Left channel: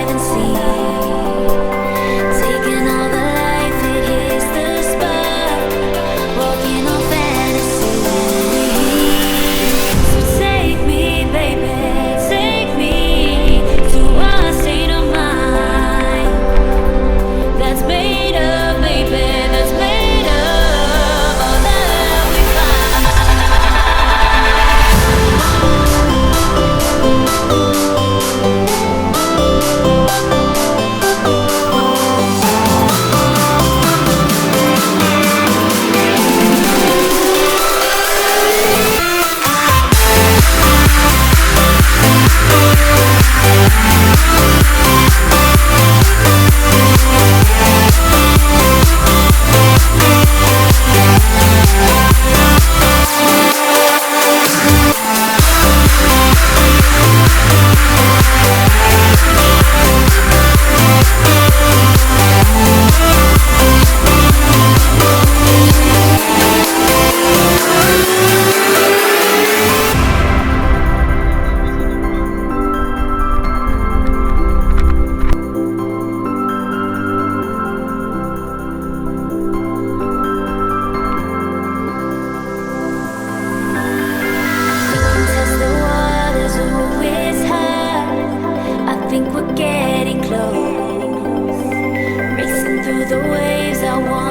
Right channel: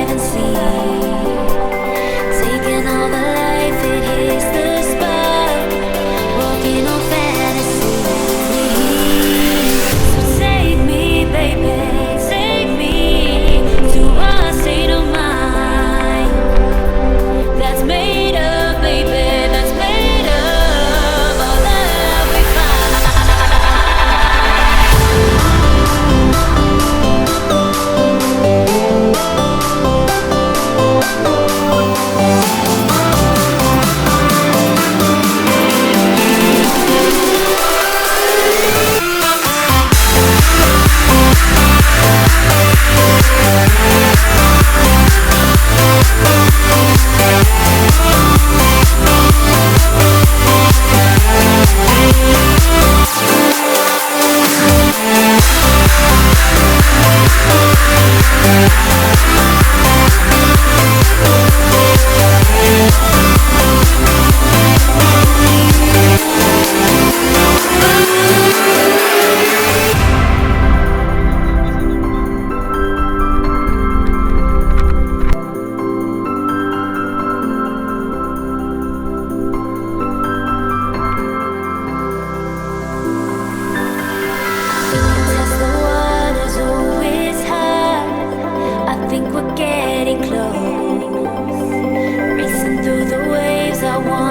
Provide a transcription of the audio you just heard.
haven't seen. Taking all the life, it hits the spot. Walking on fantasy. So take me, baby, take me to a state of mind that's made up, baby, that's made up all that we test the waters, oh, it's hard. I think we're getting close. Racing through the waves, I want